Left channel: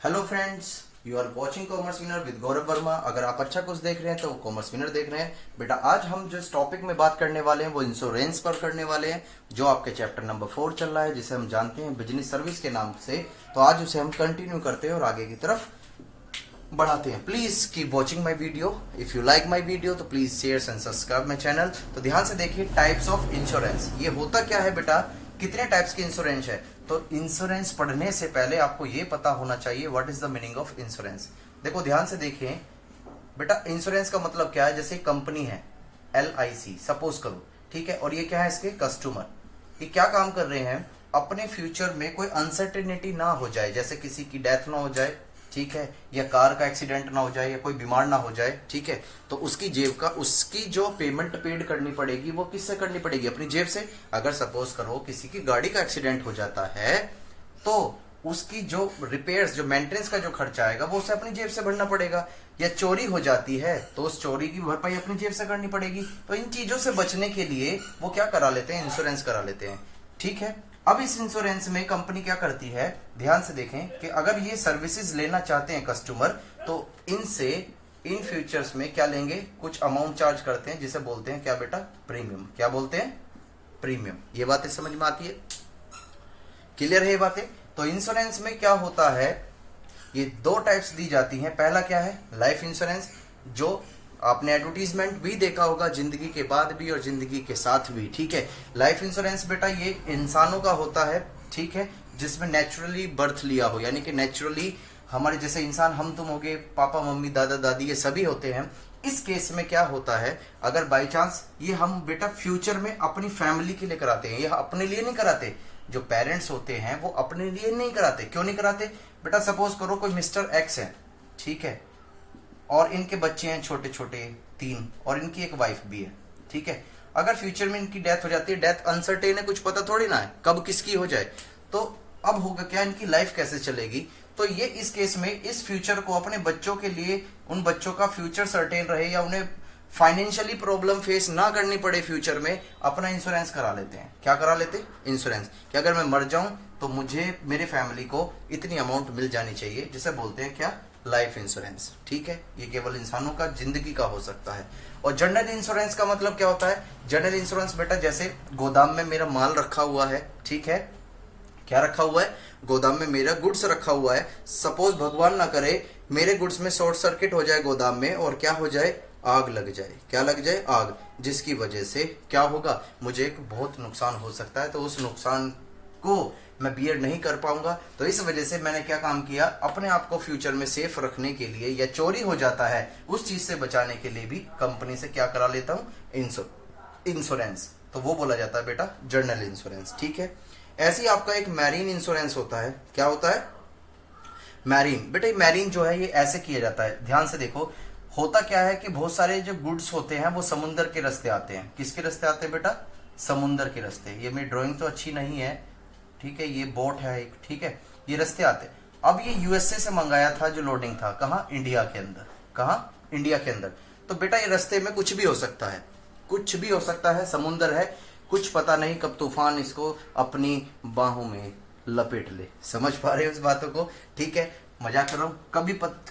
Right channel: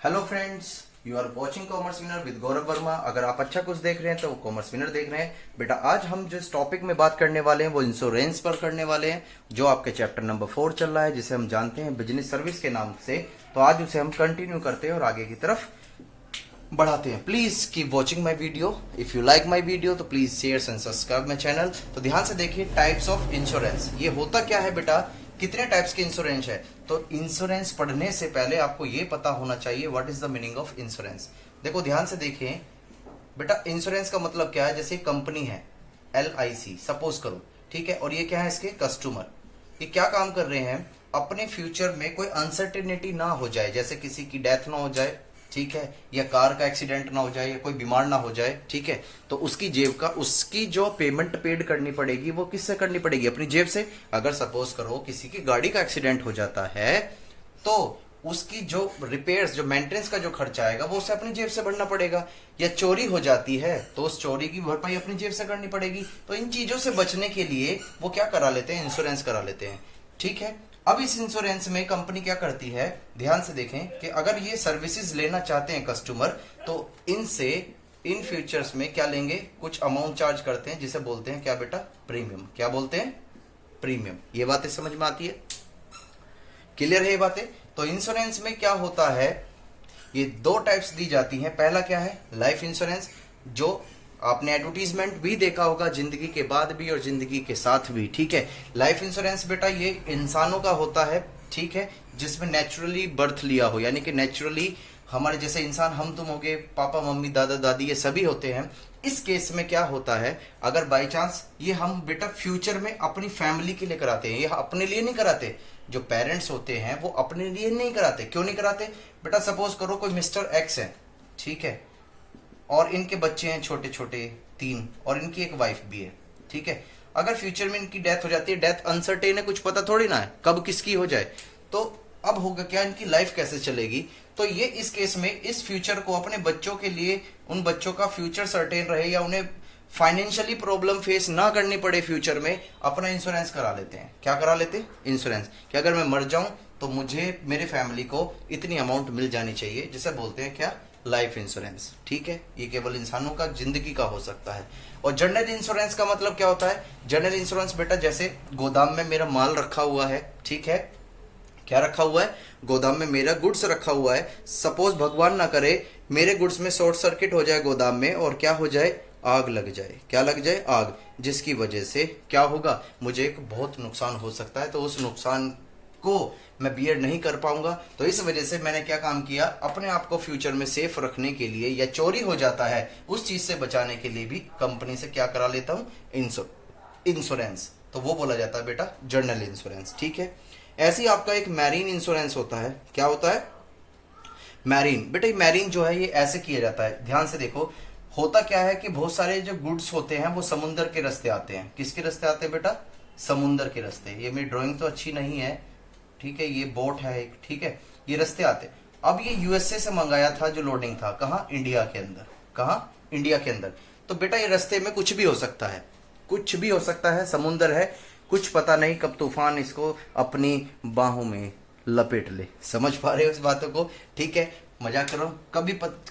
Hello friends, you are watching commerce winner with Gaurav Verma. अगर आप अच्छा कुछ देख रहे हैं तो कॉमर्स विनर देख रहे हैं। बेटा आज हम जिस टॉपिक में बात करने वाले हैं वो इंश्योरेंस पर करने वाले हैं, जो आपके चैप्टर नंबर 4 चल रहा है, जिसे हम जानते हैं बिजनेस सर्विस के नाम से। तो आज उसे हम कंटिन्यू करते हैं और आगे की तरफ बढ़ाते हैं। Please keep watching my video. If you like my video तो please share and subscribe my channel. तो ध्यान से देखिए, टाइप्स ऑफ इंश्योरेंस। ये होता क्या है बेटा, कितने टाइप्स के इंश्योरेंस है। तो इंश्योरेंस पढ़ने से पहले आपको ये पता होना चाहिए what is the meaning of insurance. देखो ध्यान से देखिए बेटा, इंश्योरेंस का मतलब क्या है। जैसे कंपनी है LIC सपोज करो, ठीक है, और ये क्या है, इसके कस्टमर। ये क्या काम कर रहे हैं, अपने फ्यूचर में कोई अनसर्टेनिटी ना हो जाए, जैसे किसी की डेथ ना हो जाए, ठीक है, या कार का एक्सीडेंट ना हो जाए, या कोई बीमार ना हो जाए, ठीक है, तो उसकी जेब का, उसकी जो पेमेंट पेड करनी पड़ेगी वो किससे करनी पड़ेगी, अपनी जेब से। अगर सपोज करो किसी की गाड़ी का एक्सीडेंट हो जाता है तो उसकी जो रिपेयर्स, जो मेंटेनेंस का जो खर्चा आएगा वो उसे अपनी जेब से भरना पड़ेगा। या चोरी हो जाती है तो उस चोरी की भरपाई अपनी जेब से करनी पड़ेगी। तो इन चीजों से बचने के लिए वो क्या करा लेते हैं, इंश्योरेंस करा लेते हैं, ठीक है। अब इस इंश्योरेंस में कंपनी क्या करती है, ध्यान से देखें कि अगर ये सर्विसेज लेना चाहते हैं कस्टमर, तो इनसे इन फ्यूचर्स में क्या लेंगे, कुछ अमाउंट चार्ज करते हैं, जिसे बोलते हैं क्या बेटा, प्रीमियम। क्या बोलते हैं, प्रीमियम। ये बातें समझ में आती है, क्लियर है ये बातें। तो इंश्योरेंस में क्या होता है, ये दो टाइप्स दी जाती हैं। पहला क्या है, लाइफ इंश्योरेंस, जो आपने एडवर्टीजमेंट भी देखा होगा, जिंदगी के बाद भी और जिंदगी के साथ भी, ठीक है। लाइफ इंश्योरेंस बेटा ये इंसानों का होता है, ठीक है, जिसमें नेचुरली बर्थ लिया हो, यानी कि नेचुरली हमारे जैसे इंसान, हम तुम हो गए, पापा मम्मी दादा दादी, ये सभी होते हैं। इस केस में क्या होता है, अगर बाई चांस ये हम बेटा फ्यूचर में अपनी फैमिली के लिए कराते हैं, ये अपने लिए नहीं कराते। जो पेरेंट्स होते हैं वो अपने लिए नहीं कराते। क्यों नहीं कराते बेटा, सपोज करो कोई मिस्टर X है, ठीक है, और इनके बच्चे हैं छोटे छोटे 3, और इनकी एक वाइफ भी है, ठीक है। अगर फ्यूचर में इनकी डेथ हो जाती है, डेथ अनसर्टेन है, कुछ पता थोड़ी ना है कब किसकी हो जाए, तो अब होगा क्या, इनकी लाइफ कैसे चलेगी। तो ये इस केस में इस फ्यूचर को अपने बच्चों के लिए, उन बच्चों का फ्यूचर सर्टेन रहे, या उन्हें फाइनेंशियली प्रॉब्लम फेस ना करनी पड़े फ्यूचर में, अपना इंश्योरेंस करा लेते हैं। क्या करा लेते हैं, इंश्योरेंस, कि अगर मैं मर जाऊं तो मुझे, मेरे फैमिली को इतनी अमाउंट मिल जानी चाहिए, जिसे बोलते हैं क्या, लाइफ इंश्योरेंस, ठीक है। ये केवल इंसानों का, जिंदगी का हो सकता है। और जनरल इंश्योरेंस का मतलब क्या होता है, जनरल इंश्योरेंस बेटा जैसे गोदाम में मेरा माल रखा हुआ है, ठीक है, क्या रखा हुआ है, गोदाम में मेरा गुड्स रखा हुआ है। सपोज भगवान ना करे मेरे गुड्स में शॉर्ट सर्किट हो जाए गोदाम में, और क्या हो जाए, आग लग जाए। क्या लग जाए, आग, जिसकी वजह से क्या होगा, मुझे एक बहुत नुकसान हो सकता है। तो उस नुकसान को मैं बियर नहीं कर पाऊंगा। तो इस वजह से मैंने क्या काम किया, अपने आप को फ्यूचर में सेफ रखने के लिए, या चोरी हो जाता है उस चीज से बचाने के लिए भी कंपनी से क्या करा लेता हूं, इंश्योरेंस। तो वो बोला जाता है बेटा जनरल इंश्योरेंस, ठीक है। ऐसे ही आपका एक मैरीन इंश्योरेंस होता है। क्या होता है, मैरीन। बेटा मैरीन जो है ये ऐसे किया जाता है, ध्यान से देखो। होता क्या है कि बहुत सारे जो गुड्स होते हैं वो समुद्र के रास्ते आते हैं। किसके रास्ते आते हैं बेटा, समुद्र के रास्ते। ये मेरी ड्राइंग तो अच्छी नहीं है, ठीक है, ये बोट है एक, ठीक है, ये रास्ते आते। अब ये USA से मंगाया था, जो लोडिंग था, कहा, इंडिया के अंदर। कहा, इंडिया के अंदर। तो बेटा ये रास्ते में कुछ भी हो सकता है, कुछ भी हो सकता है, समुद्र है, कुछ पता नहीं कब तूफान इसको अपनी बाहों में लपेट ले। समझ पा रहे हो इस बातों को, ठीक है, मजाक करो।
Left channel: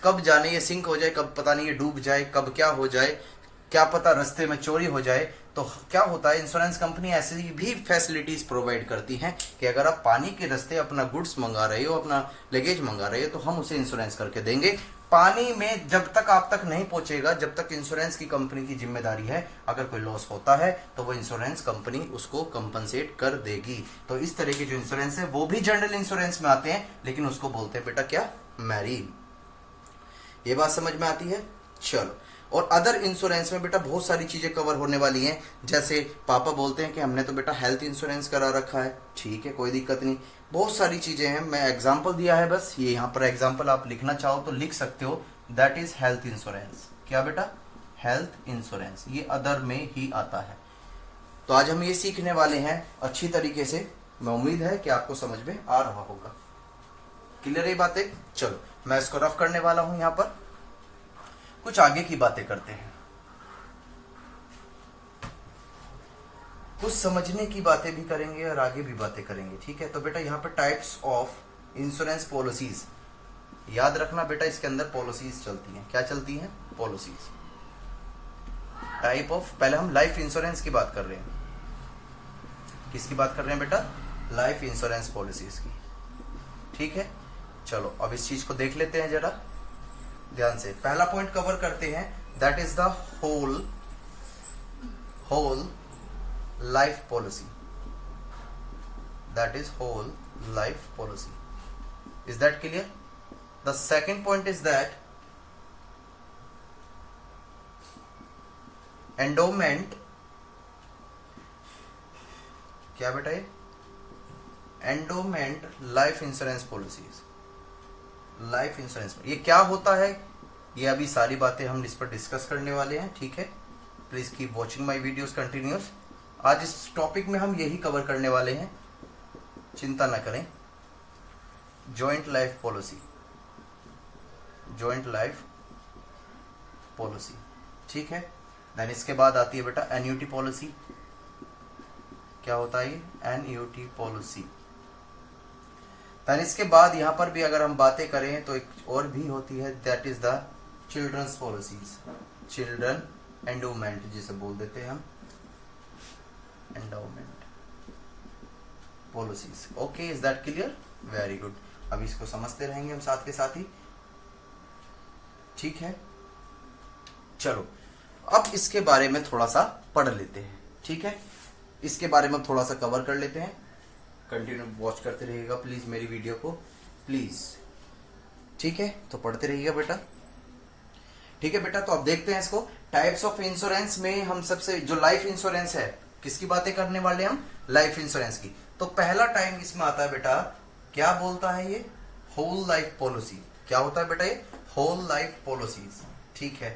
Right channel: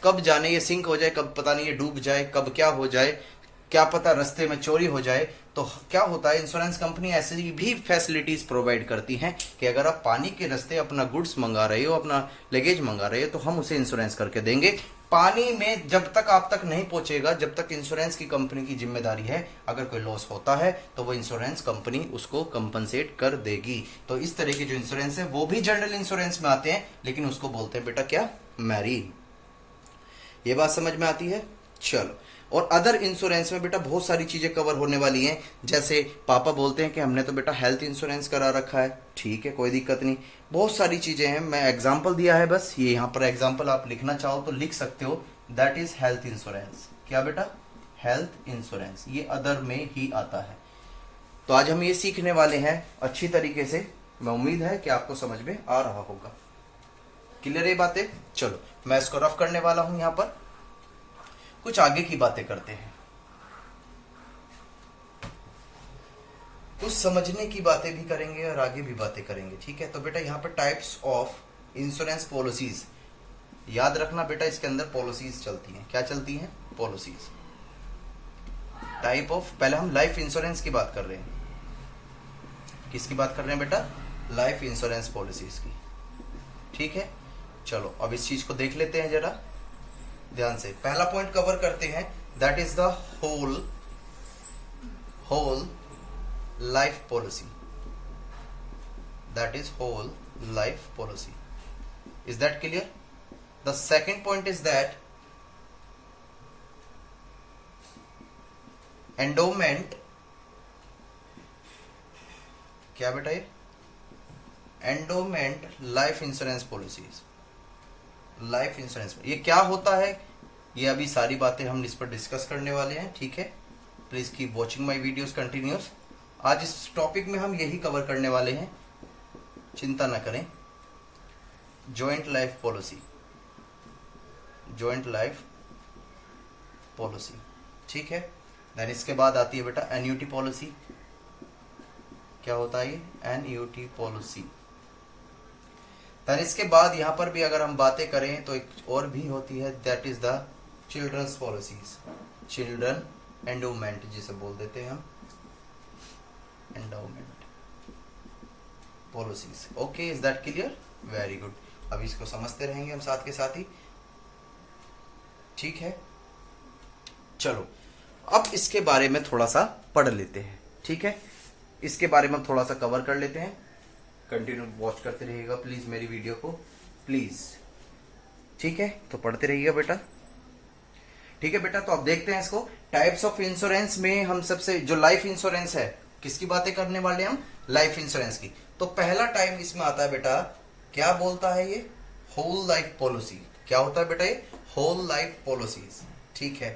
कब जाने ये सिंक हो जाए, कब पता नहीं ये डूब जाए, कब क्या हो जाए, क्या पता रास्ते में चोरी हो जाए। तो क्या होता है, इंश्योरेंस कंपनी ऐसी भी फैसिलिटीज प्रोवाइड करती हैं कि अगर आप पानी के रास्ते अपना गुड्स मंगा रहे हो, अपना लगेज मंगा रहे हो, तो हम उसे इंश्योरेंस करके देंगे। पानी में जब तक आप तक नहीं पहुंचेगा, जब तक इंश्योरेंस की कंपनी की जिम्मेदारी है। अगर कोई लॉस होता है तो वो इंश्योरेंस कंपनी उसको कंपनसेट कर देगी। तो इस तरह के जो इंश्योरेंस है वो भी जनरल इंश्योरेंस में आते हैं, लेकिन उसको बोलते हैं बेटा क्या, मैरीन। ये बात समझ में आती है, चलो। और अदर इंश्योरेंस में बेटा बहुत सारी चीजें कवर होने वाली हैं। जैसे पापा बोलते हैं कि हमने तो बेटा हेल्थ इंश्योरेंस करा रखा है, ठीक है, कोई दिक्कत नहीं। बहुत सारी चीजें हैं, मैं एग्जांपल दिया है बस, ये यहाँ पर एग्जांपल आप लिखना चाहो तो लिख सकते हो। That is health insurance. क्या बेटा, हेल्थ इंश्योरेंस, ये अदर में ही आता है। तो आज हम ये सीखने वाले हैं अच्छी तरीके से। मैं उम्मीद है कि आपको समझ में आ रहा होगा, क्लियर ये बातें। चलो मैं इसको रफ करने वाला हूं, यहां पर कुछ आगे की बातें करते हैं, कुछ समझने की बातें भी करेंगे और आगे भी बातें करेंगे, ठीक है। तो बेटा यहाँ पर टाइप्स ऑफ इंश्योरेंस पॉलिसीज, याद रखना बेटा, इसके अंदर पॉलिसीज चलती हैं। क्या चलती हैं? पॉलिसीज। टाइप ऑफ, पहले हम लाइफ इंश्योरेंस की बात कर रहे हैं। किसकी बात कर रहे हैं बेटा? लाइफ इंश्योरेंस पॉलिसीज की। ठीक है, चलो अब इस चीज को देख लेते हैं जरा ध्यान से। पहला पॉइंट कवर करते हैं, that is the whole life policy. That is whole life policy. Is that clear? The second point is that endowment, क्या बेटा ये? Endowment life insurance policies. Life insurance ये क्या होता है, ये अभी सारी बातें हम इस पर डिस्कस करने वाले हैं। ठीक है, please keep watching my videos continuous. आज इस टॉपिक में हम यही कवर करने वाले हैं, चिंता ना करें। Joint life policy, joint life policy. ठीक है, देन इसके बाद आती है बेटा एन्युटी पॉलिसी। क्या होता है ये? Annuity policy. देन इसके बाद यहां पर भी अगर हम बातें करें तो एक और भी होती है, that is the children's policies. Children endowment जिसे बोल देते हैं हम, endowment policies. Okay, is that clear? Very good. अब इसको समझते रहेंगे हम साथ के साथ ही। ठीक है, चलो अब इसके बारे में थोड़ा सा पढ़ लेते हैं। ठीक है, इसके बारे में थोड़ा सा कवर कर लेते हैं। कंटिन्यू वॉच करते रहिएगा प्लीज मेरी वीडियो को, प्लीज। ठीक है, तो पढ़ते रहिएगा बेटा। ठीक है बेटा, तो अब देखते हैं इसको। टाइप्स ऑफ इंश्योरेंस में हम सबसे जो लाइफ इंश्योरेंस है, किसकी बातें करने वाले हम? लाइफ इंश्योरेंस की। तो पहला टाइम इसमें आता है बेटा, क्या बोलता है ये? Whole life policy. क्या होता है बेटा ये? Whole life policies. ठीक है,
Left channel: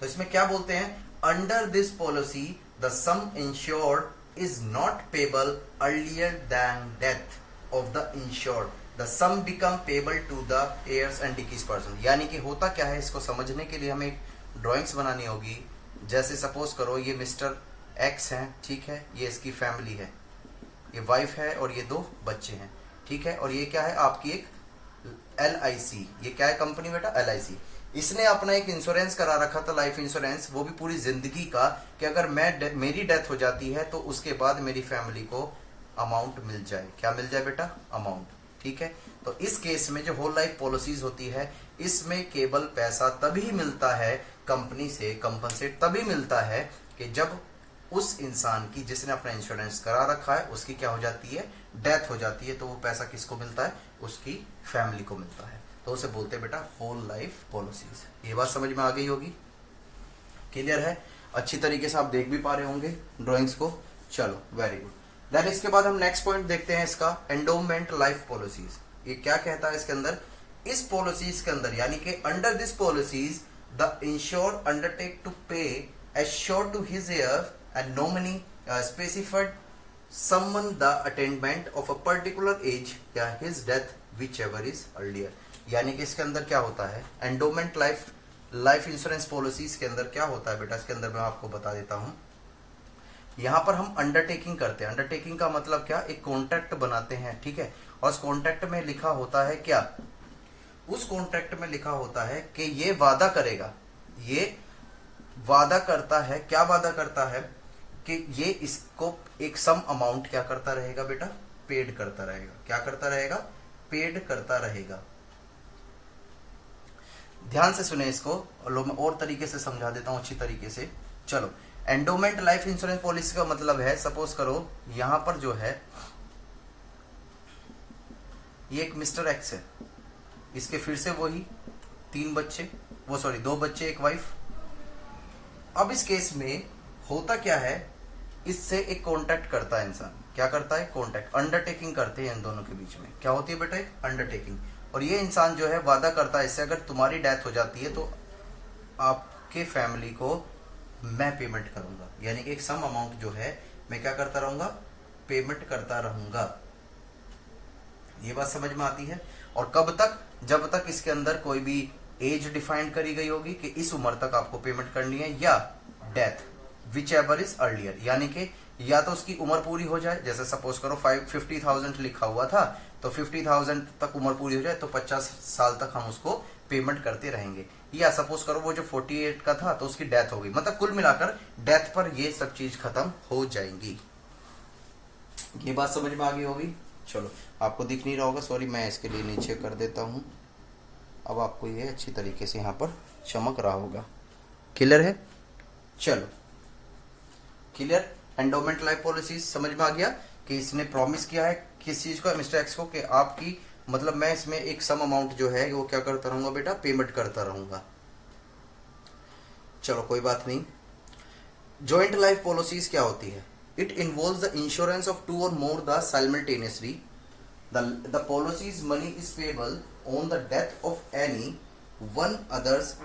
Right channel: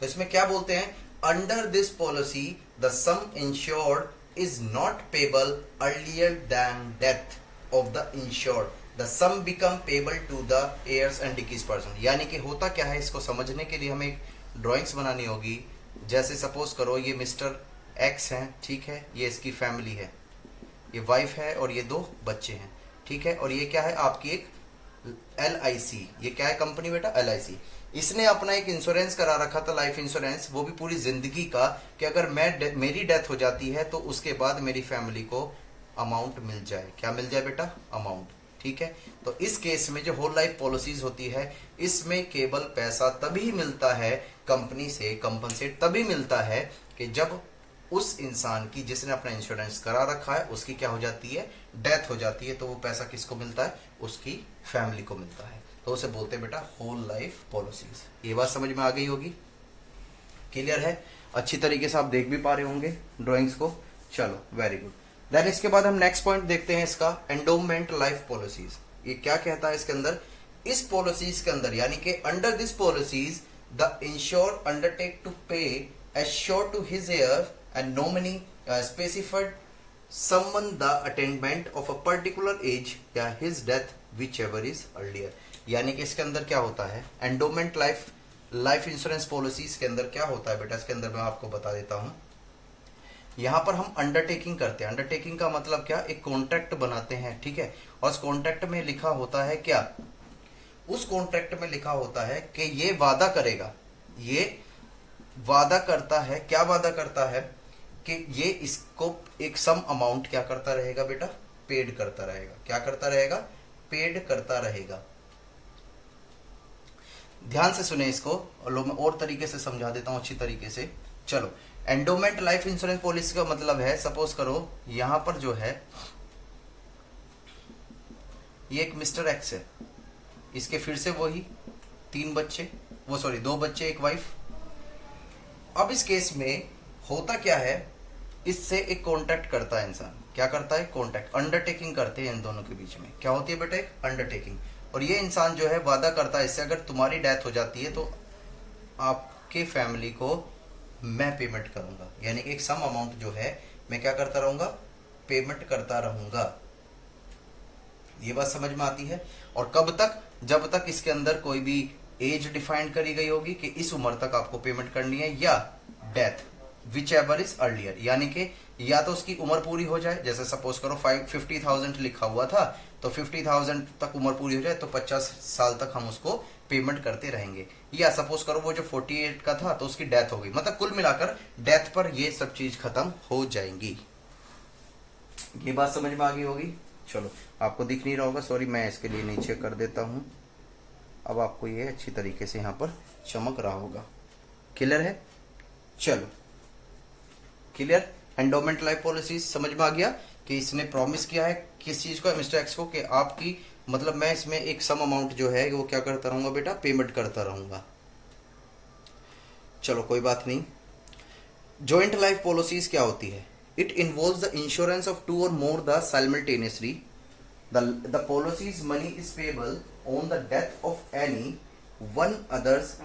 तो इसमें क्या बोलते हैं? Under this policy the sum insured is not payable earlier than death of the insured, the sum become payable to the heirs and डिकीज पर्सन। यानी कि होता क्या है, इसको समझने के लिए हमें एक ड्राइंग्स बनानी होगी। जैसे सपोज करो ये मिस्टर एक्स हैं, ठीक है, ये इसकी फैमिली है, ये वाइफ है और ये 2 बच्चे हैं। ठीक है, और ये क्या है? आपकी एक LIC। ये क्या है कंपनी बेटा? LIC। इसने अपना एक इंश्योरेंस करा रखा था, लाइफ इंश्योरेंस, वो भी पूरी जिंदगी का, कि अगर मेरी डेथ हो जाती है तो उसके बाद मेरी फैमिली को अमाउंट मिल जाए। क्या मिल जाए बेटा? अमाउंट। ठीक है, तो इस केस में जो होल लाइफ पॉलिसीज होती है, इसमें केवल पैसा तभी मिलता है कंपनी से, कंपनसेट तभी मिलता है कि जब उस इंसान की जिसने अपना इंश्योरेंस करा रखा है उसकी क्या हो जाती है? डेथ हो जाती है। तो वो पैसा किसको मिलता है? उसकी फैमिली को मिलता है। तो उसे बोलते हैं बेटा होल लाइफ पॉलिसीज। ये बात समझ में आ गई होगी? क्लियर है? अच्छी तरीके से आप देख भी पा रहे होंगे ड्राइंग्स को। चलो, वेरी गुड। देन इसके बाद हम नेक्स्ट पॉइंट देखते हैं इसका, एंडोमेंट लाइफ पॉलिसीज। ये क्या कहता है इसके अंदर? इस पॉलिसीज के अंदर, यानी कि under this policies the insured undertake to pay assured to his heir and nominee specified summon the attainment of a particular age या his death whichever is earlier। यानी कि इसके अंदर क्या होता है? एंडोमेंट लाइफ इंश्योरेंस पॉलिसीज के अंदर क्या होता है बेटा? इसके अंदर मैं आपको बता देता हूं। यहां पर हम अंडरटेकिंग करते हैं। अंडरटेकिंग का मतलब क्या? एक कॉन्ट्रैक्ट बनाते हैं। ठीक है, और उस कॉन्ट्रैक्ट में लिखा होता है क्या? उस कॉन्ट्रैक्ट में लिखा होता है कि ये वादा करेगा, ये वादा करता है, क्या वादा करता है? कि ये इसको एक सम अमाउंट क्या करता रहेगा बेटा? पेड करता रहेगा। क्या करता रहेगा? पेड करता रहेगा। ध्यान से सुने इसको, और मैं और तरीके से समझा देता हूं अच्छी तरीके से। चलो, एंडोमेंट लाइफ इंश्योरेंस पॉलिसी का मतलब है, सपोज करो यहां पर जो है ये एक मिस्टर एक्स है, इसके फिर से वही 3 बच्चे, 2 बच्चे, एक वाइफ। अब इस केस में होता क्या है? इससे एक कॉन्ट्रैक्ट करता है इंसान। क्या करता है? कॉन्ट्रैक्ट, अंडरटेकिंग करते हैं इन दोनों के बीच में। क्या होती है बेटा? एक अंडरटेकिंग। और ये इंसान जो है वादा करता है इससे, अगर तुम्हारी डेथ हो जाती है तो आपके फैमिली को मैं पेमेंट करूंगा। यानी कि एक सम अमाउंट जो है मैं क्या करता रहूंगा? पेमेंट करता रहूंगा। ये बात समझ में आती है? और कब तक? जब तक इसके अंदर कोई भी एज डिफाइन करी गई होगी कि इस उम्र तक आपको पेमेंट करनी है, या death which ever is earlier, यानी कि या तो उसकी उम्र पूरी हो जाए, जैसे सपोज करो 50,000 लिखा हुआ था, तो तो 50,000 तक उम्र पूरी हो जाए तो 50 साल तक हम उसको पेमेंट करते रहेंगे। या सपोज करो वो जो 48 का था तो उसकी डेथ हो गई, मतलब कुल मिलाकर डेथ पर ये सब चीज खत्म हो जाएंगी। ये बात समझ में आ गई होगी। चलो, आपको दिख नहीं रहा होगा, सॉरी, मैं इसके लिए नीचे कर देता हूं। अब आपको ये अच्छी तरीके से यहां पर चमक रहा होगा। क्लियर है? चलो, क्लियर। एंडोमेंट लाइफ पॉलिसी समझ में आ गया कि इसने प्रॉमिस किया है किस चीज को, मिस्टर एक्स को, कि आपकी मतलब मैं इसमें एक सम अमाउंट जो है वो क्या करता रहूंगा बेटा, पेमेंट करता रहूंगा। चलो कोई बात नहीं। जॉइंट लाइफ पॉलिसीज क्या होती है? It involves the insurance of two or more the simultaneously the policies money is payable on the death of any one others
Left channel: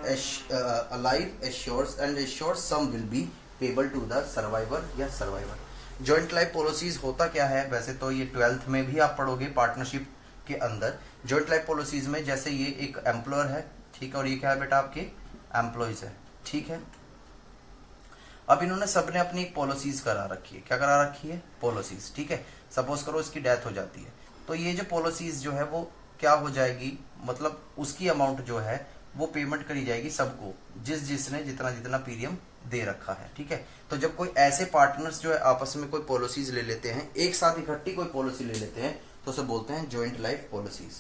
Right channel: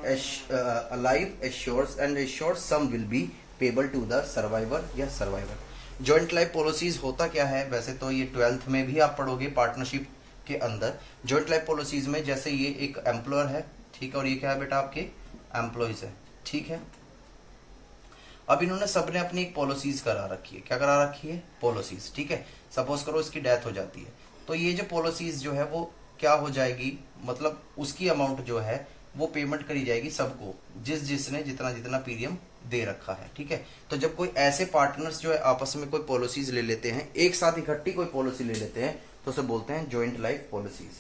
alive assures and assured sum will be payable to the survivor या survivor. Joint life policies होता क्या है? वैसे तो ये 12th में भी आप पढ़ोगे पार्टनरशिप के अंदर। जॉइंट लाइफ पॉलिसीज में जैसे ये एक एम्प्लॉयर है, ठीक है, और ये क्या है बेटा, आपके एम्प्लॉइज है, ठीक है। अब इन्होंने सबने अपनी एक पॉलिसीज करा रखी है। क्या करा रखी है? पॉलिसीज, ठीक है। सपोज करो इसकी डेथ हो जाती है तो ये जो पॉलिसीज जो है वो क्या हो जाएगी, मतलब उसकी अमाउंट जो है वो पेमेंट करी जाएगी सबको, जिसने जितना जितना प्रीमियम दे रखा है, ठीक है। तो जब कोई ऐसे पार्टनर्स जो है आपस में कोई पॉलिसीज ले लेते हैं, एक साथ इकट्ठी कोई पॉलिसी ले लेते हैं, तो उसे बोलते हैं जॉइंट लाइफ पॉलिसीज,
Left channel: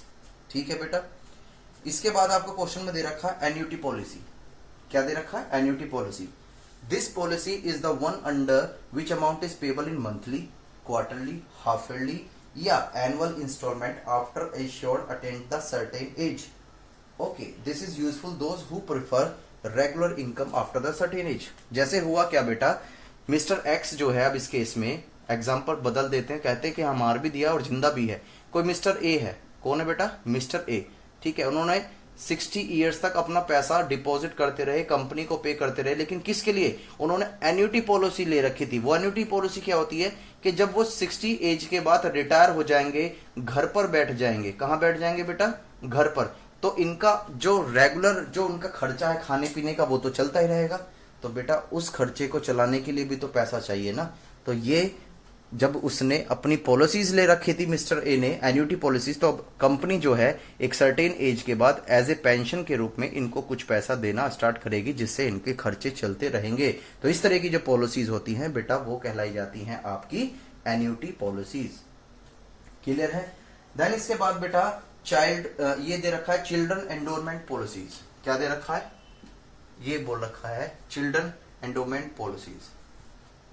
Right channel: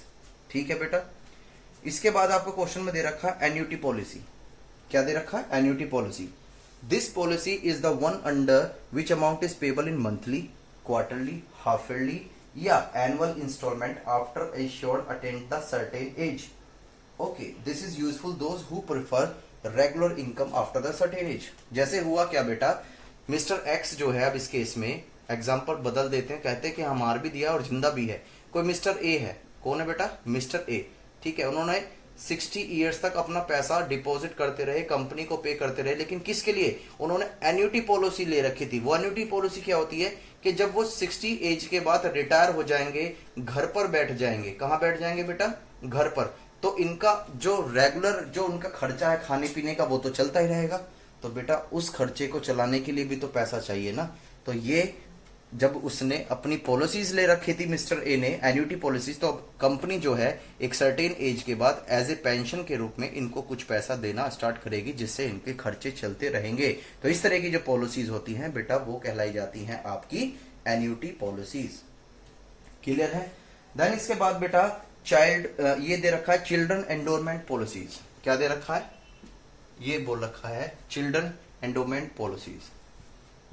ठीक है बेटा। इसके बाद आपको क्वेश्चन में दे रखा है एन्युटी पॉलिसी। क्या दे रखा है? Annuity policy. This policy is the one under which amount is payable in monthly, quarterly, half yearly या annual instalment after assured attend the certain age. Okay, this is useful those who prefer regular income after the certain age. जैसे हुआ क्या बेटा, mister x जो है, अब इस case में एग्जाम्पल बदल देते हैं, कहते हैं कि हमार भी दिया और जिंदा भी है। कोई मिस्टर ए है, कौन है बेटा? मिस्टर ए, ठीक है। उन्होंने 60 इयर्स तक अपना पैसा डिपॉजिट करते रहे, कंपनी को पे करते रहे, लेकिन किसके लिए? उन्होंने एन्युटी पॉलिसी ले रखी थी। वो एन्युटी पॉलिसी क्या होती है कि जब वो 60 एज के बाद रिटायर हो जाएंगे, घर पर बैठ जाएंगे। कहां बैठ जाएंगे बेटा? घर पर। तो इनका जो रेगुलर जो उनका खर्चा है खाने पीने का वो तो चलता ही रहेगा। तो बेटा उस खर्चे को चलाने के लिए भी तो पैसा चाहिए ना। तो ये जब उसने अपनी पॉलिसीज ले रखी थी मिस्टर ए ने, एन्युटी पॉलिसीज, तो अब कंपनी जो है एक सर्टेन एज के बाद एज ए पेंशन के रूप में इनको कुछ पैसा देना स्टार्ट करेगी, जिससे इनके खर्चे चलते रहेंगे। तो इस तरह की जो पॉलिसीज होती हैं बेटा वो कहलाई जाती हैं आपकी एन्युटी पॉलिसीज। क्लियर है? देन इसके बाद बेटा चाइल्ड, ये दे रखा है चिल्ड्रन एंडोरमेंट पॉलिसीज। क्या दे रखा है? ये बोल रखा है चिल्ड्रन एंडोरमेंट पॉलिसीज।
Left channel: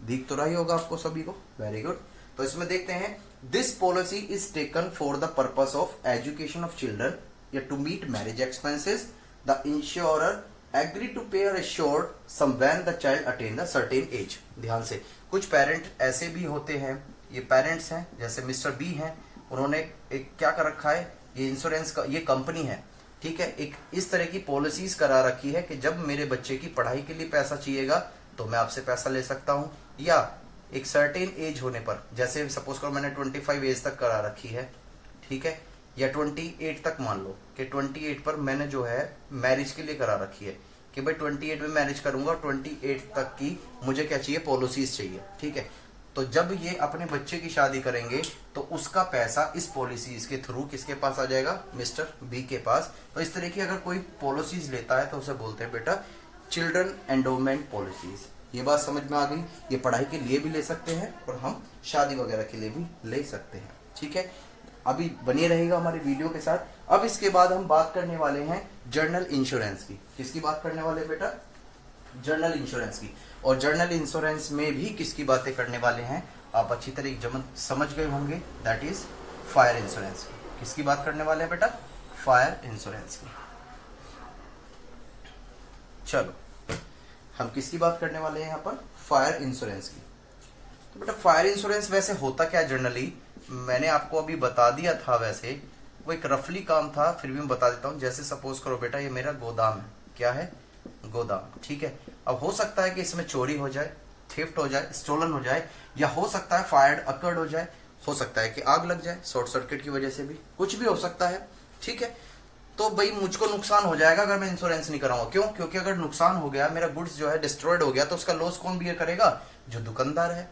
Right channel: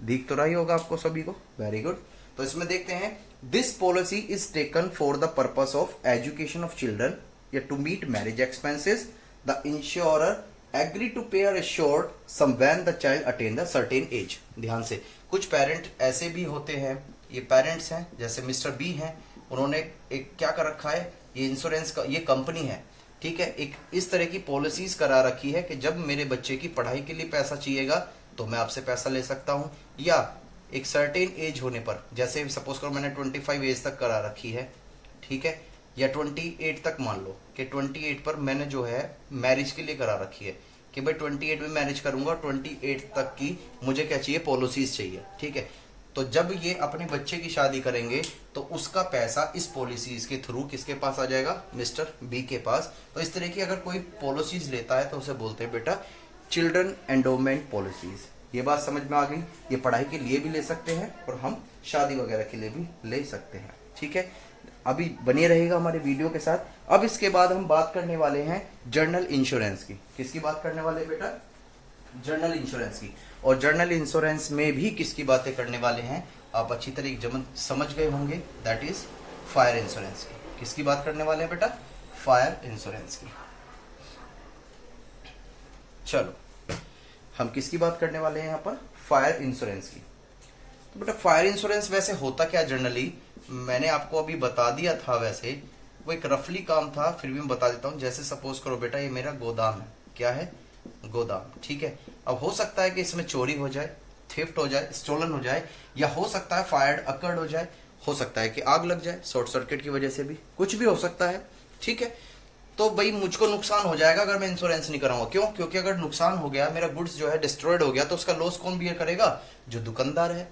दिख तो रही होगा आपको सभी को, वेरी गुड। तो इसमें देखते हैं, this policy is taken for the purpose of education of children या to meet marriage expenses. The insurer agree to pay और assure sum when the child attain the certain age. ध्यान से, कुछ parent ऐसे भी होते हैं, ये पेरेंट्स हैं, जैसे मिस्टर बी हैं, उन्होंने एक क्या कर रखा है, ये इंश्योरेंस का, ये कंपनी है, ठीक है, एक इस तरह की पॉलिसीज करा रखी है कि जब मेरे बच्चे की पढ़ाई के लिए पैसा चाहिएगा तो मैं आपसे पैसा ले सकता हूं, या एक सर्टेन एज होने पर, जैसे सपोज करो मैंने 25 एज तक करा रखी है, ठीक है, या 28 तक मान लो कि 28 पर मैंने जो है मैरिज के लिए करा रखी है कि भाई 28 में मैरिज करूंगा, 28 तक की मुझे क्या चाहिए, पॉलिसीज चाहिए, ठीक है। तो जब ये अपने बच्चे की शादी करेंगे तो उसका पैसा इस पॉलिसीज के थ्रू किसके पास आ जाएगा, मिस्टर बी के पास। तो इस तरह की अगर कोई पॉलिसीज लेता है तो उसे बोलते हैं बेटा चिल्ड्रन एंडोमेंट पॉलिसीज। ये बात समझ में आ गई। ये पढ़ाई के लिए भी ले सकते हैं और हम शादी वगैरह के लिए भी ले सकते हैं, ठीक है। अभी बने रहेगा हमारे वीडियो के साथ। अब इसके बाद हम बात करने वाले हैं जर्नल इंश्योरेंस की। किसकी बात करने वाले बेटा, जर्नल इंश्योरेंस की। और जर्नल इंश्योरेंस में भी किसकी बातें करने वाले हैं आप अच्छी तरीके समझ गए होंगे, दैट इज फायर इंश्योरेंस की। किसकी बात करने वाले हैं बेटा, फायर इंश्योरेंस की। चलो हम किसकी बात करने वाले हैं यहाँ पर, फायर इंश्योरेंस की। तो बेटा फायर इंश्योरेंस वैसे होता क्या जनरली, मैंने आपको अभी बता दिया था, वैसे वो एक रफली काम था, फिर भी मैं बता देता हूं। जैसे सपोज करो बेटा ये मेरा गोदाम है, क्या है, गोदाम, ठीक है। अब हो सकता है कि इसमें चोरी हो जाए, थेफ्ट हो जाए, स्टोलन हो जाए, या हो सकता है फायर अकर्ड हो जाए, हो सकता है कि आग लग जाए शॉर्ट सर्किट की वजह से भी, कुछ भी हो सकता है, ठीक है। तो भाई मुझको नुकसान हो जाएगा अगर मैं इंश्योरेंस नहीं कराऊंगा। क्यों? क्योंकि अगर नुकसान हो गया, मेरा गुड्स जो है डिस्ट्रॉयड हो गया, तो उसका लॉस कौन बियर करेगा, जो दुकानदार है।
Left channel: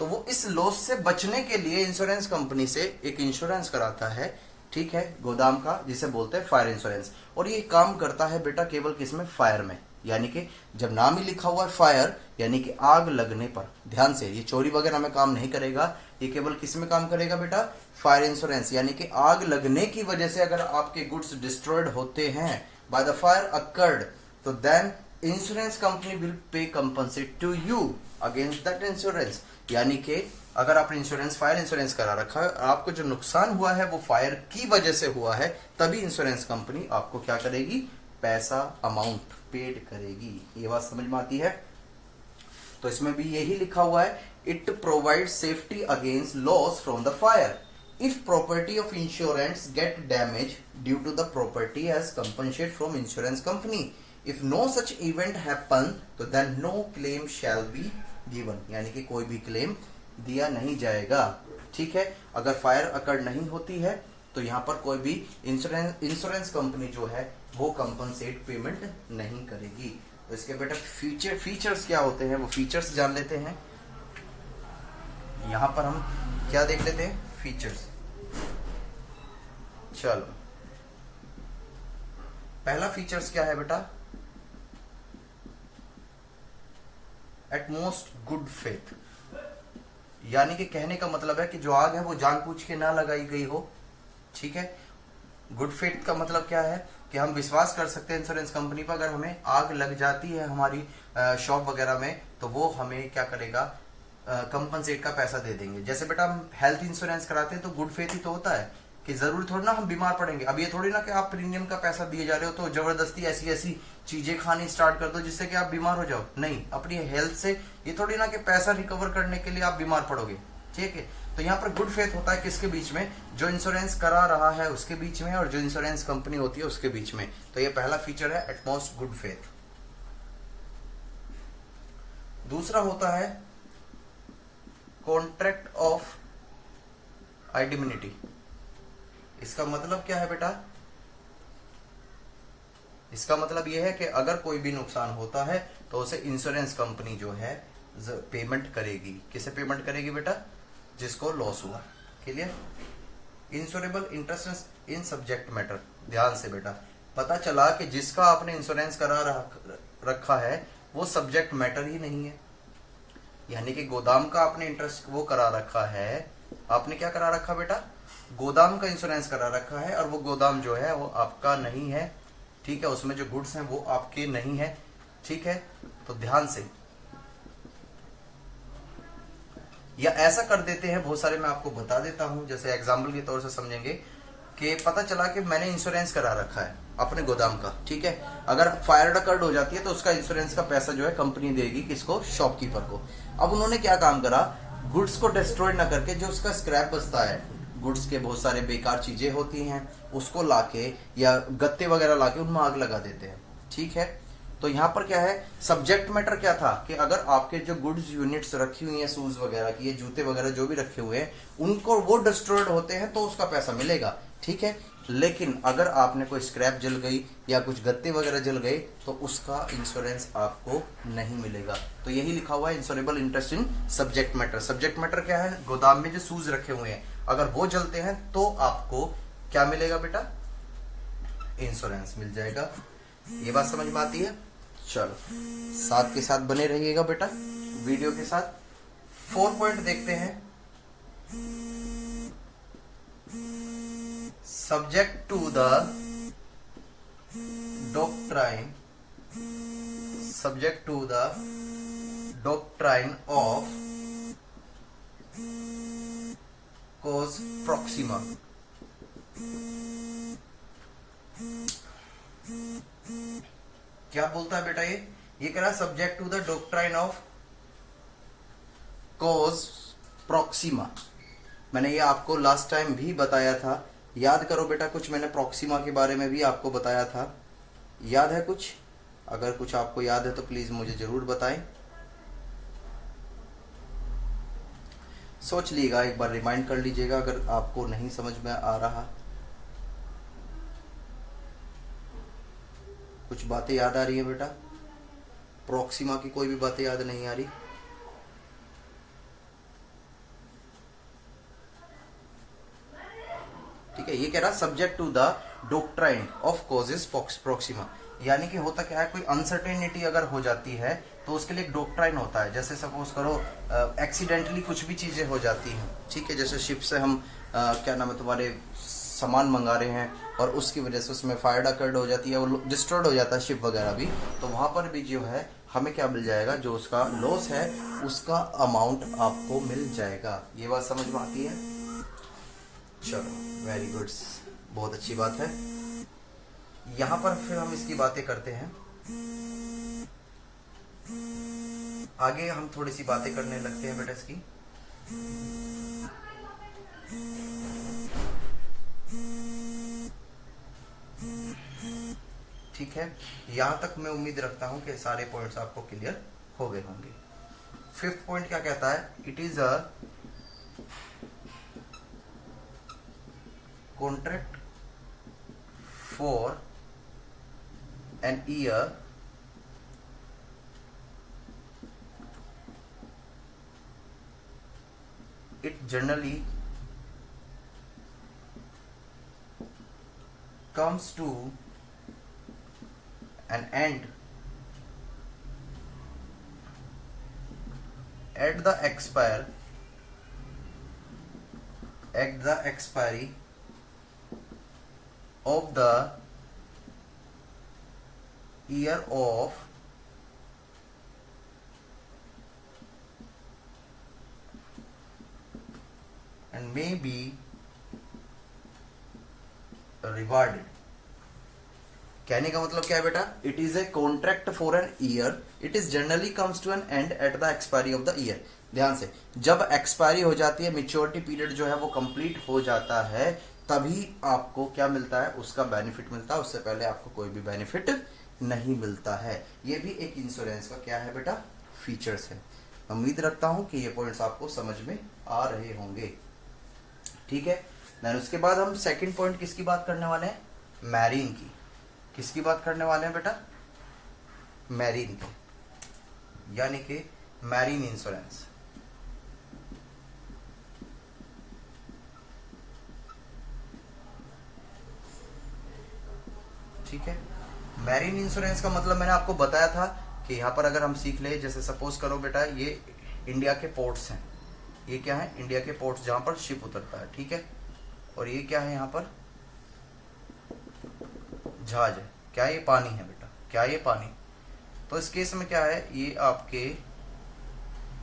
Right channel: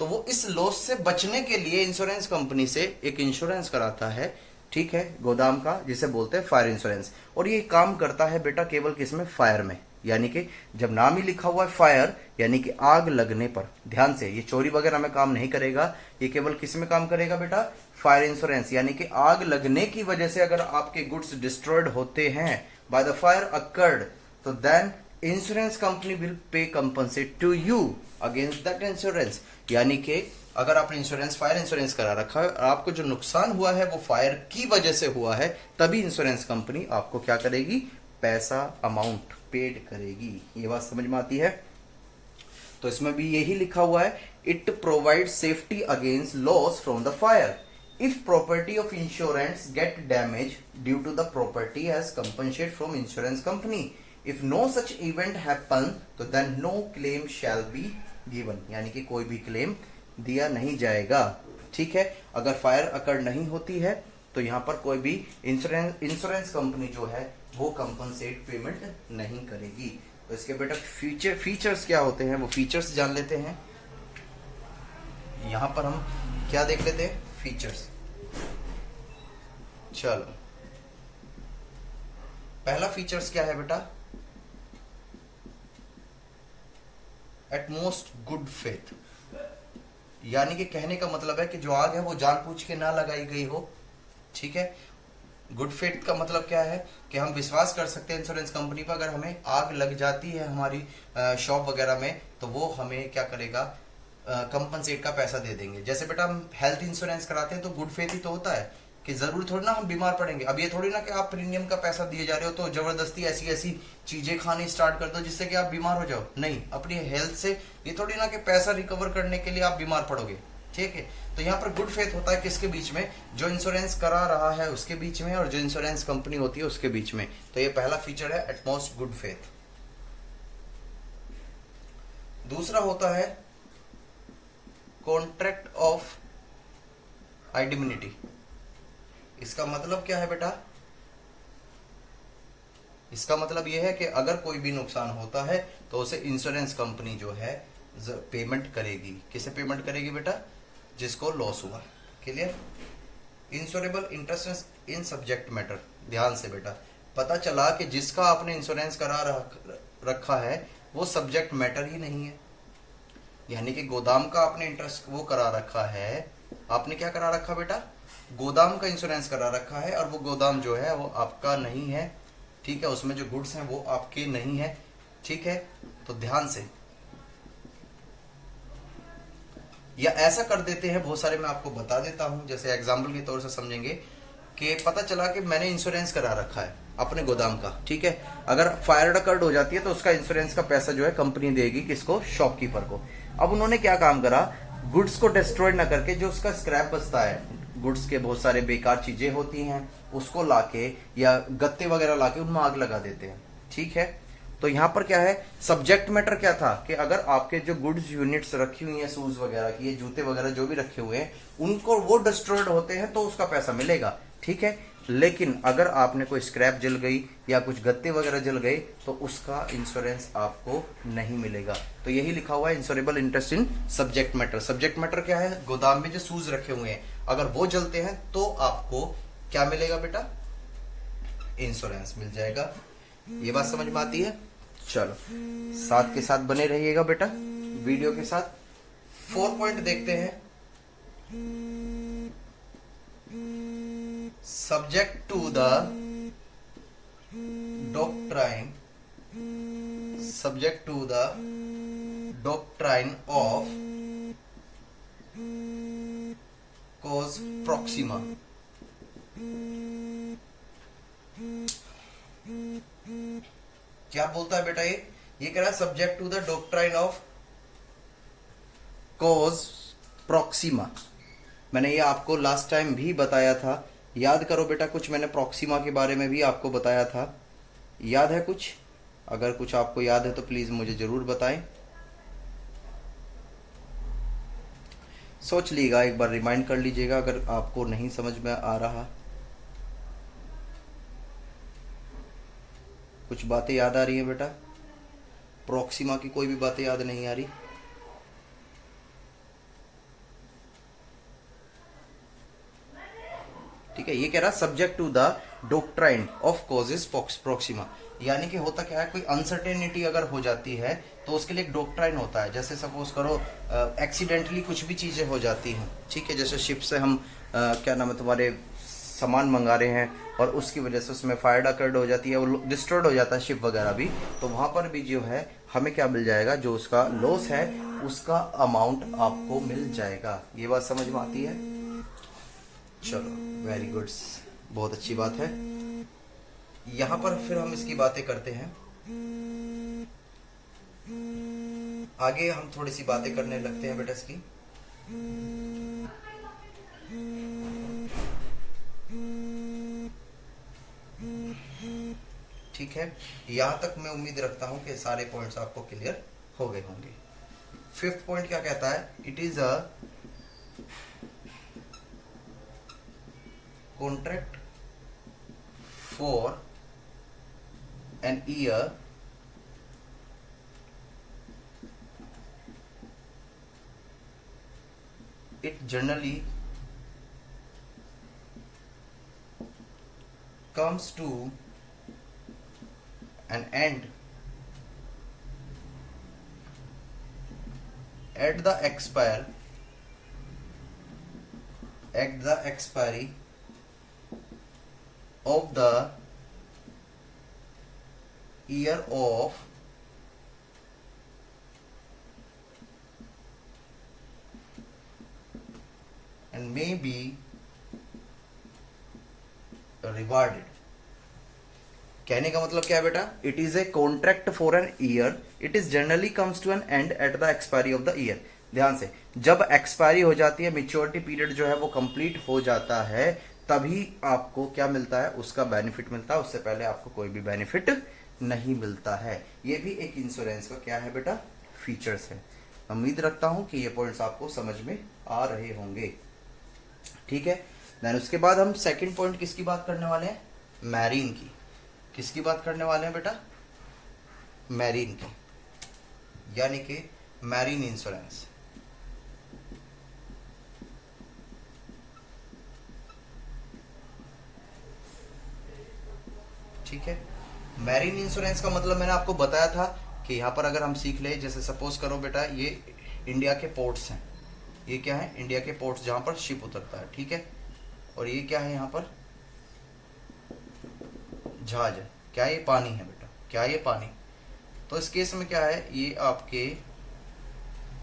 तो वो इस लॉस से बचने के लिए इंश्योरेंस कंपनी से एक इंश्योरेंस कराता है, ठीक है, गोदाम का, जिसे बोलते हैं फायर इंश्योरेंस। और ये काम करता है बेटा केवल किसमें, फायर में, यानी कि जब नाम ही लिखा हुआ है फायर, यानी कि आग लगने पर। ध्यान से, ये चोरी वगैरह में काम नहीं करेगा, ये केवल किस में काम करेगा बेटा, फायर इंश्योरेंस। यानी कि आग लगने की वजह से अगर आपके गुड्स डिस्ट्रॉयड होते हैं बाय द फायर अकर्ड, तो then insurance company will pay compensate to you against that insurance. यानी कि अगर आपने इंश्योरेंस, फायर इंश्योरेंस करा रखा है और आपको जो नुकसान हुआ है वो फायर की वजह से हुआ है, तभी इंश्योरेंस कंपनी आपको क्या करेगी, पैसा अमाउंट पेड करेगी। ये बात समझ में आती है? तो इसमें भी यही लिखा हुआ है, it provide safety against loss from the fire if property of insurance get damage due to the property as compensate from insurance company. If no such event happen तो then no claim shall be given. यानी कि कोई भी claim दिया नहीं जाएगा, ठीक है। अगर फायर अकर नहीं होती है तो यहां पर कोई भी इंश्योरेंस कंपनी जो है वो कंपनसेट पेमेंट नहीं करेगी। तो इसके बेटा फीचर्स क्या होते हैं, वो फीचर्स जान लेते हैं। यहां पर हम क्या देख लेते हैं, फीचर्स। चलो, पहला फीचर्स क्या है बेटा, एटमोस्ट गुड फेथ। यानी कि कहने का मतलब है कि जो आग है वो जानबूझ के ना लगाई गई हो, ठीक है। गुड फेथ का मतलब क्या है कि हम विश्वास कर सकते हैं इंश्योरेंस कंपनी पर, अगर हमें आग लग जाती है हमारी शॉप वगैरह में तो वो हमें क्या करेगा, कंपनसेट का पैसा दे देंगे। जैसे बेटा हम हेल्थ इंश्योरेंस कराते हैं तो गुड फेथ ही तो होता है कि जरूर थोड़ी ना हम बीमार पड़ेंगे। अब ये थोड़ी ना कि आप प्रीमियम का पैसा दिए जा रहे हो तो जबरदस्ती ऐसी ऐसी चीजें खानी स्टार्ट कर दो जिससे कि आप बीमार हो जाओ। नहीं, अपनी हेल्थ से ये थोड़ी ना कि पैसा रिकवर करने के लिए आप बीमार पड़ोगे, ठीक है। तो यहाँ पर गुड फेथ होता है किसके बीच में, जो इंश्योरेंस करा रहा है उसके बीच में और जो इंश्योरेंस कंपनी होती है उसके बीच में। तो ये पहला फीचर है, एटमोस्ट गुड फेथ। दूसरा होता है कॉन्ट्रैक्ट ऑफ आइडेंटिटी। इसका मतलब क्या है बेटा, इसका मतलब यह है कि अगर कोई भी नुकसान होता है तो उसे इंश्योरेंस कंपनी जो है पेमेंट करेगी। किसे पेमेंट करेगी बेटा, जिसको लॉस हुआ। Clear? Insurable interest in subject matter. ध्यान से बेटा, पता चला कि जिसका आपने इंश्योरेंस करा रखा है वो सब्जेक्ट मैटर ही नहीं है। यानी कि गोदाम का आपने इंटरेस्ट वो करा रखा है, आपने क्या करा रखा बेटा, गोदाम का इंश्योरेंस करा रखा है और वो गोदाम जो है वो आपका नहीं है, ठीक है। उसमें जो गुड्स हैं वो आपके नहीं है, ठीक है। तो ध्यान से, या ऐसा कर देते हैं बहुत सारे, मैं आपको बता देता हूं, जैसे एग्जांपल के तौर से समझेंगे कि पता चला कि मैंने इंश्योरेंस करा रखा है अपने गोदाम का, ठीक है। अगर फायर अकर्ड हो जाती है तो उसका इंश्योरेंस का पैसा जो है कंपनी देगी किसको, शॉपकीपर को। अब उन्होंने क्या काम करा, गुड्स को डिस्ट्रॉय ना करके जो उसका स्क्रैप बचता है, गुड्स के बहुत सारे बेकार चीजें होती हैं उसको लाके या गत्ते वगैरह लाके उनमें आग लगा देते हैं, ठीक है। तो यहां पर क्या है, सब्जेक्ट मैटर क्या था कि अगर आपके जो गुड्स यूनिट्स रखी हुई हैं, शूज वगैरह की, ये जूते वगैरह जो भी रखे हुए हैं, उनको वो डिस्ट्रॉयड होते हैं तो उसका पैसा मिलेगा, ठीक है। लेकिन अगर आपने कोई स्क्रैप जल गई या कुछ गत्ते वगैरह जल गए तो उसका इंश्योरेंस आपको नहीं मिलेगा। तो यही लिखा हुआ है, insurable interest in subject matter. Subject matter क्या है, गोदाम में जो शूज रखे हुए हैं अगर वो जलते हैं तो आपको क्या मिलेगा बेटा, इंश्योरेंस मिल जाएगा। ये बात समझ में आती है? चलो, साथ के साथ बने रहिएगा बेटा वीडियो के साथ। 4 पॉइंट देखते हैं। Subject to the doctrine, subject to the doctrine of cause proxima. क्या बोलता है बेटा, ये कह रहा है subject to the doctrine of cause proxima. मैंने ये आपको लास्ट टाइम भी बताया था, याद करो बेटा, कुछ मैंने प्रॉक्सिमा के बारे में भी आपको बताया था, याद है कुछ? अगर कुछ आपको याद है तो प्लीज मुझे जरूर बताएं। सोच लीजिएगा, एक बार रिमाइंड कर लीजिएगा अगर आपको नहीं समझ में आ रहा। कुछ बातें याद आ रही है बेटा? प्रॉक्सिमा की कोई भी बातें याद नहीं आ रही? ठीक है, ये कह रहा subject to the doctrine of causes proxima, यानी कि होता क्या है, कोई अनसर्टेनिटी अगर हो जाती है तो उसके लिए एक डॉक्ट्राइन होता है। जैसे सपोज करो एक्सीडेंटली कुछ भी चीजें हो जाती हैं, ठीक है, जैसे शिप से हम क्या नाम है तुम्हारे सामान मंगा रहे हैं और उसकी वजह से उसमें फायर अकर्ड हो जाती है, वो डिस्ट्रॉयड हो जाता है शिप वगैरह भी, तो वहां पर भी जो है हमें क्या मिल जाएगा, जो उसका लॉस है उसका अमाउंट आपको मिल जाएगा। ये बात समझ में आती है? चलो वेरी गुड, बहुत अच्छी बात है। यहां पर फिर हम इसकी बातें करते हैं आगे, हम थोड़ी सी बातें करने लगते हैं बेटा इसकी। ठीक है, यहां तक मैं उम्मीद रखता हूं कि सारे पॉइंट्स आपको क्लियर हो गए होंगे। फिफ्थ पॉइंट क्या कहता है, it is a contract for an year it generally comes to an end at the expiry of the year of and may be rewarded। कहने का मतलब क्या है बेटा, it is a contract for an year, it is generally comes to an end at the expiry of the year. ध्यान से, जब expiry हो जाती है, मेच्योरिटी पीरियड जो है वो कंप्लीट हो जाता है, तभी आपको क्या मिलता है, उसका बेनिफिट मिलता है। उससे पहले आपको कोई भी बेनिफिट नहीं मिलता है। ये भी एक इंश्योरेंस का क्या है बेटा, फीचर्स है। उम्मीद रखता हूं कि ये पॉइंट्स आपको समझ में आ रहे होंगे। ठीक है, देन उसके बाद हम सेकंड पॉइंट किसकी बात करने वाले हैं, मैरीन की। किसकी बात करने वाले हैं बेटा, मैरीन की, यानी कि मैरीन इंश्योरेंस। ठीक है, मैरीन इंश्योरेंस का मतलब मैंने आपको बताया था कि यहां पर अगर हम सीख ले, जैसे सपोज करो बेटा ये इंडिया के पोर्ट्स हैं, ये क्या है, इंडिया के पोर्ट्स जहां पर शिप उतरता है, ठीक है, और ये क्या है, यहां पर जहाज है, क्या ये पानी है बेटा, क्या ये पानी। तो इस केस में क्या है, ये आपके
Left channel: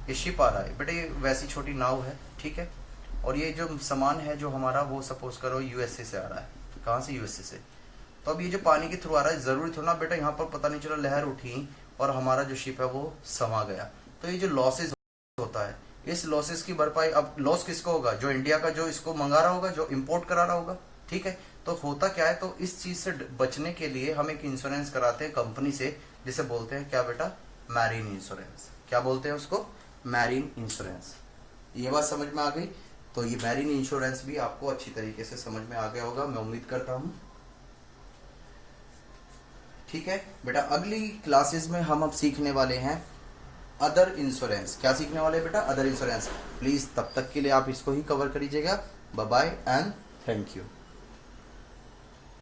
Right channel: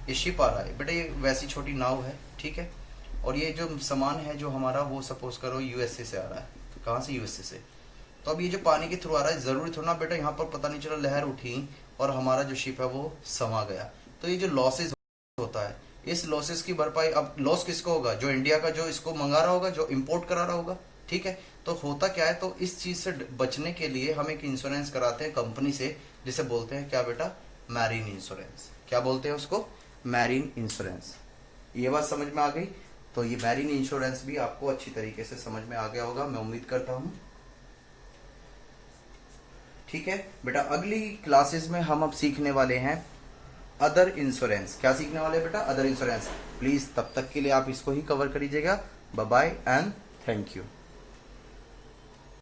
ये शिप आ रहा है बेटा, ये वैसी छोटी नाव है, ठीक है, और ये जो सामान है जो हमारा, वो सपोज करो यूएसए से आ रहा है। तो कहां से, यूएसए से। तो अब ये जो पानी के थ्रू आ रहा है, जरूरी थोड़ा ना बेटा यहाँ पर पता नहीं चला लहर उठी और हमारा जो शिप है वो समा गया। तो ये जो लॉसेस होता है, इस लॉसेस की भरपाई, अब लॉस किसको होगा, जो इंडिया का जो इसको मंगा रहा होगा, जो इंपोर्ट करा रहा होगा। ठीक है, तो होता क्या है, तो इस चीज से बचने के लिए हम एक इंश्योरेंस कराते हैं कंपनी से, जिसे बोलते हैं क्या बेटा, मैरीन इंश्योरेंस। क्या बोलते हैं उसको, मैरीन इंश्योरेंस। ये बात समझ में आ गई। तो ये मैरीन इंश्योरेंस भी आपको अच्छी तरीके से समझ में आ गया होगा, मैं उम्मीद करता हूं। ठीक है बेटा, अगली क्लासेस में हम अब सीखने वाले हैं अदर इंश्योरेंस। क्या सीखने वाले हैं बेटा, अदर इंश्योरेंस। प्लीज तब तक के लिए आप इसको ही कवर करिएगा। Bye bye and thank you.